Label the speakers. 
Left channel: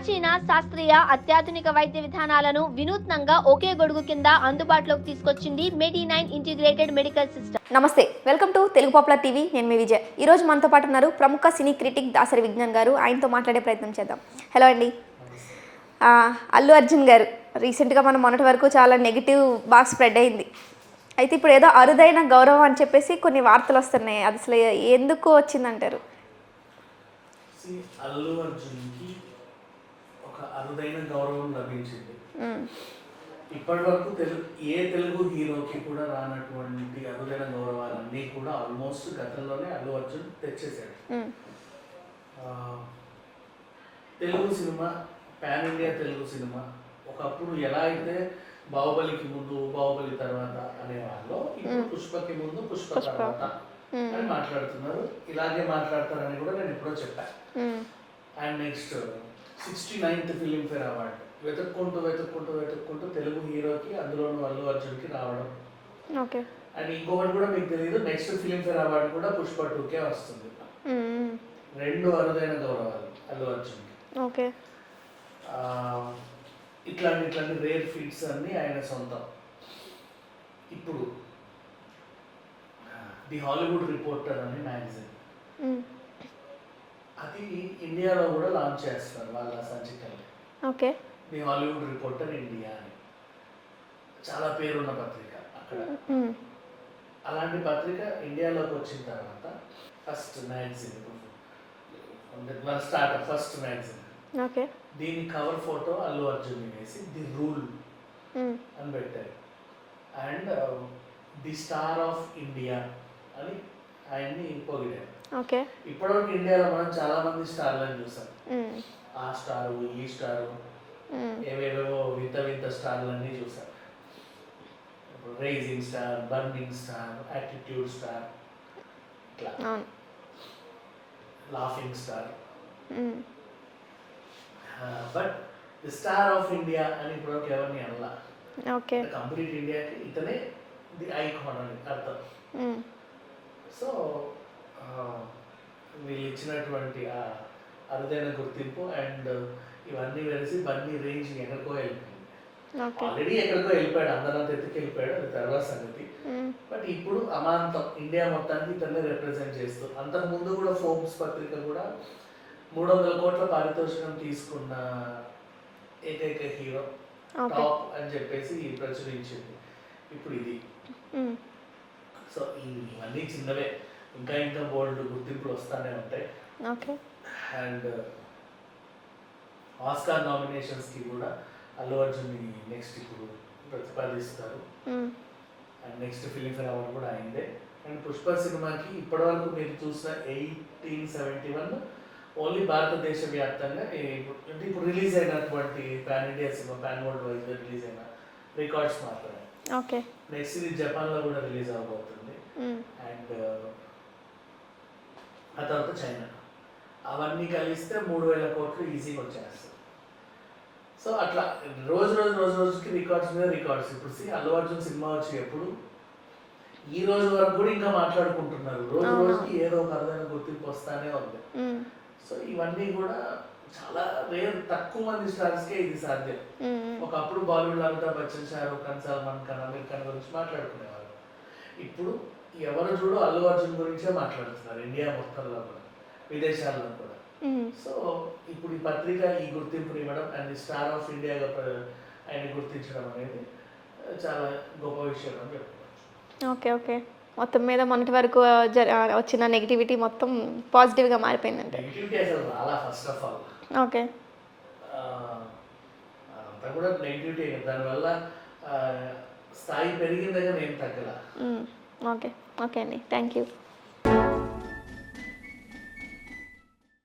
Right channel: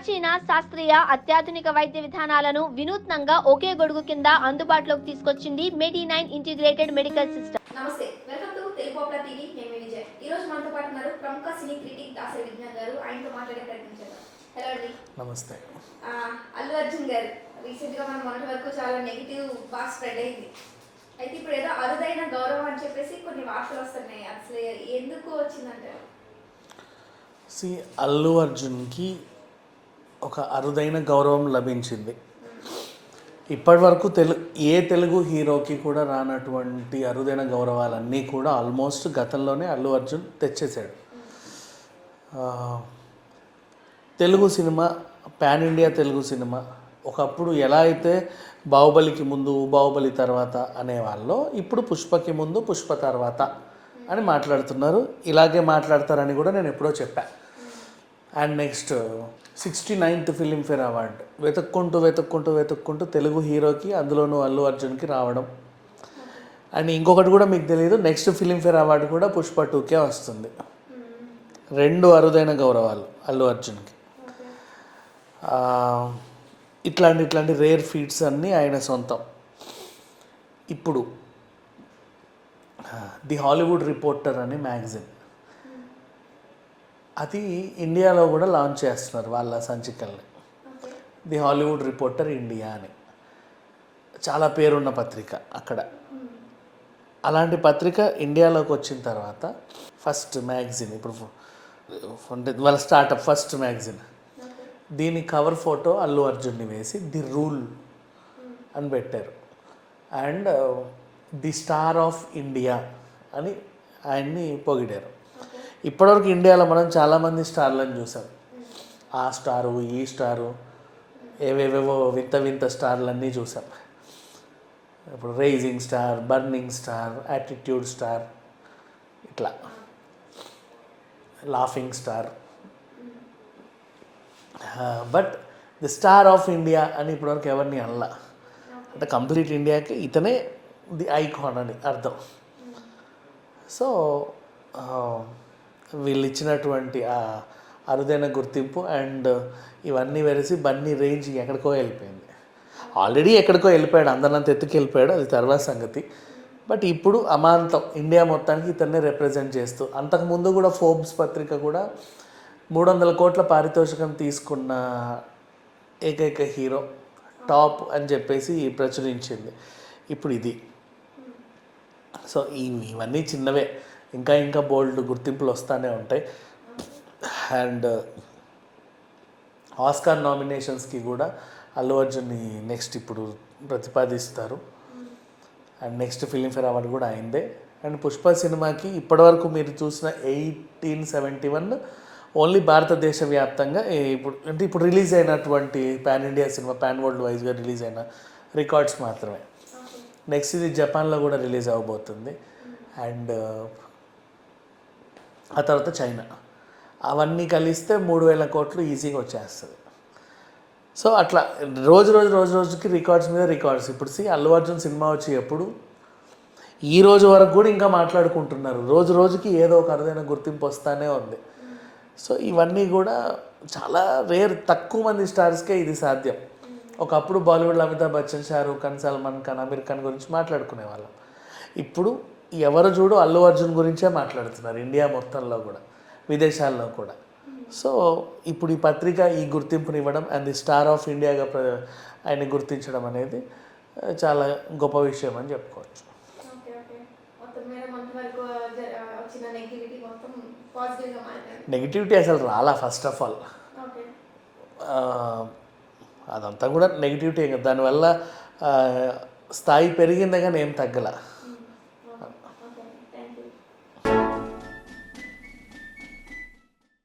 Speaker 1: ప్రాచీన శాస్త్రీయ అత్యాధునిక వైద్య విధానాలను వినూత్నంగా ఒకే గొడుగు కింద అందుబాటులోకి తీసుకొచ్చింది medi nine integrated medical system
Speaker 2: నమస్తే welcome to Telugu popular TV నేను మీ విజయ్. ఈరోజు మనతో పాటు ఉన్నారు ప్రముఖ సినీ క్రిటిక్ దాసరి విజ్ఞాన్ గారు. ఆయనతో మాట్లాడే ప్రయత్నం చేద్దాం. హలో అండి.
Speaker 3: నమస్తే.
Speaker 2: ఆ, అల్లు అర్జున్ గారు రీసెంట్గా మనం మొన్నటి వరకు చాలా నెగిటివ్ బాగా స్ప్రెడ్ అయింది. అయితే ఇప్పుడు ఏదో అరుదైన గౌరవం అని చెప్పేసి కొన్ని వార్తలు వస్తున్నాయి. అది అసలు ఎందుకు వచ్చిందంటారు?
Speaker 3: సి అల్లు అర్జున్కి ఒక అరుదైన గౌరవం లభించింది. ఇప్పటి వరకు తెలు ఏ తెలుగు హీరోకి కూడా రానటువంటి అరుదైన గౌరవాలన్నీ కూడా ఆల్మోస్ట్ గతంలోనే అల్లు అర్జున్ తెచ్చేసాడు ఆ, Telugu cinema pan India Telugu cinema ఒకప్పుడు ఎలా అయితే బాహుబలికి ముందు బాహుబలి తర్వాత అనేవాళ్ళు ఇప్పుడు పుష్పకి ముందు పుష్ప తర్వాత అని మాట్లాడుతున్నారు. ఇలాగే మాట్లాడతారని కూడా నేను ఎప్పుడో చెప్పా. And next sixty ninth Filmfare award వెతుక్కుంటూ వెతుక్కుంటూ వెతుక్కుంటూ తెలుగు హీరోకి అందులోనూ అల్లు అర్జున్కి రావడం. అండ్ ఇంకొకటి కూడా మీకు తెలియదు నెక్స్ట్ ఫిలింఫేర్ అవార్డు కూడా పుష్ప టూకే వస్తుంది. రెండు అరుదైన గౌరవాలు అల్లు అర్జున్కి. ఇట్లాంటి ఇట్లాంటి రేర్ ఫీట్స్ అన్నీ ఆయన సొంతం. ఇప్పుడు ది హాలీవుడ్ రిపోర్టర్ అనే మ్యాగజైన్. అది ఇండియాలో కూడా లాంచ్ చేస్తున్నారు వాళ్ళ సంచికల్ని.
Speaker 2: Okay.
Speaker 3: The Hollywood reporter India అని. చాలా పేరున్న పత్రిక అక్కడ. అలాంటి పత్రిక ఇండియాలోకి వచ్చిన తర్వాత ఫస్ట్ మ్యాగజిన్ ఇప్పుడు అంటే వాళ్ళ స్టార్ట్అప్ ఫస్ట్ మ్యాగజిన్.
Speaker 2: ఓకే.
Speaker 3: దీని కవర్ ఫోటో అల్లు అర్జున్ని వేసి ది రూల్ అని పెట్టారు. And the star of India అని ఆయన్ని పొగిడారు. ఇప్పటివరకు ఇండియాలో మనం చాలామంది స్టార్లను చూసాం. ఆ స్టారు ఈ స్టారు ఏవేవేవో వింత వింత స్టార్లన్నీ చూసాం. ఇప్పుడు rising star burning star attitude star ఇట్లా. Laughing star. But the star of India అని ఇప్పటివరకు ఎవరిని అనలా. కంప్లీట్ ఇండియాకి ఇతనే ది ఐకాన్ అని అర్థం. సో వీళ్ళు ఇచ్చినటువంటి ఆ అరుదైన గుర్తింపు అండ్ ఇవన్నీ వెలిసి బన్నీ రేంజ్ ఎక్కడికో వెళ్ళిపోయింది. ఆల్రెడీ ఎక్కడికో వెళ్ళిపోయాడు అందరినంత ఎత్తుకు వెళ్ళిపోయాడు అది తర్వాత సంగతి. బట్ ఇప్పుడు అమాంతం ఇండియా మొత్తానికి ఇతన్నే రిప్రజెంట్ చేస్తూ అంతకుముందు కూడా ఫోర్బ్స్ పత్రిక కూడా మూడు వందల కోట్ల పారితోషికం తీసుకున్న ఏకైక హీరో టాప్ అని చెప్పేసి ప్రచురించింది. ఇప్పుడు ఇది. సో ఇవి ఇవన్నీ చిన్నవే. ఇంకా ఇంకా బోల్డ్ గుర్తింపులు వస్తూనే ఉంటాయి. అండ్ ఆస్కార్ నామినేషన్స్కి కూడా అల్లు అర్జున్ని నెక్స్ట్ ఇప్పుడు ప్రతిపాదిస్తారు. అండ్ నెక్స్ట్ ఫిలింఫేర్ అవార్డు కూడా అయిందే. అండ్ పుష్ప సినిమాకి ఇప్పటివరకు మీరు చూసిన ఎయిటీన్ సెవెంటీ వన్ ఓన్లీ భారతదేశ వ్యాప్తంగా ఇప్పుడు అంటే ఇప్పుడు రిలీజ్ అయినటువంటి pan India cinema pan world వైజ్గా రిలీజ్ అయిన రికార్డ్స్ మాత్రమే.
Speaker 2: ఓకే.
Speaker 3: నెక్స్ట్ ఇది జపాన్లో కూడా రిలీజ్ అవ్వబోతుంది అండ్ ఆ తర్వాత చైనా. అవన్నీ కలిస్తే మూడు వేల కోట్లు ఈజీగా వచ్చేస్తుంది. సో అట్లా రోజు రోజు రోజు రోజుకి రికార్డ్స్ మీద రికార్డ్స్. ఇప్పుడు సి అల్లు అర్జున్ సినిమా వచ్చి ఎప్పుడు? ఈ రోజు వరకు కూడా ఇంకా మాట్లాడుకుంటున్నారు. రోజు రోజుకి ఏదో ఒక అరుదైన గుర్తింపు వస్తానే ఉంది. సో ఇవన్నీ కూడా చాలా రేర్ తక్కువ మంది స్టార్స్కే ఇది సాధ్యం. ఒకప్పుడు బాలీవుడ్లో అమితాబ్ బచ్చన్ షారూఖ్ ఖాన్ సల్మాన్ ఖాన్ అమీర్ ఖాన్ గురించి మాట్లాడుకునేవాళ్ళం. ఇప్పుడు ఎవరు చూడు అల్లు అర్జున్ గురించే మాట్లాడుతున్నారు ఇండియా మొత్తంలో కూడా విదేశాల్లో కూడా. సో ఇప్పుడు ఈ పత్రిక ఈ గుర్తింపుని ఇవ్వడం అండ్ ది స్టార్ ఆఫ్ ఇండియాగా ఆయన గుర్తించడం అనేది చాలా గొప్ప విషయం అని చెప్పుకోవచ్చు.
Speaker 2: Okay okay. మొత్తం మీద మొన్నటి వరకు వచ్చిన నెగిటివిటీ మొత్తం పాజిటివ్గా మారిపోయిందండి
Speaker 3: నెగిటివిటీ అసలు రాలా ఫస్ట్ ఆఫ్ ఆల్
Speaker 2: ఓకే.
Speaker 3: అదంతా కూడా నెగిటివిటీ దానివల్ల స్థాయి పెరిగిందే కానీ ఏం తగ్గల.
Speaker 2: ఓకే. ఓకే అండి. Thank you.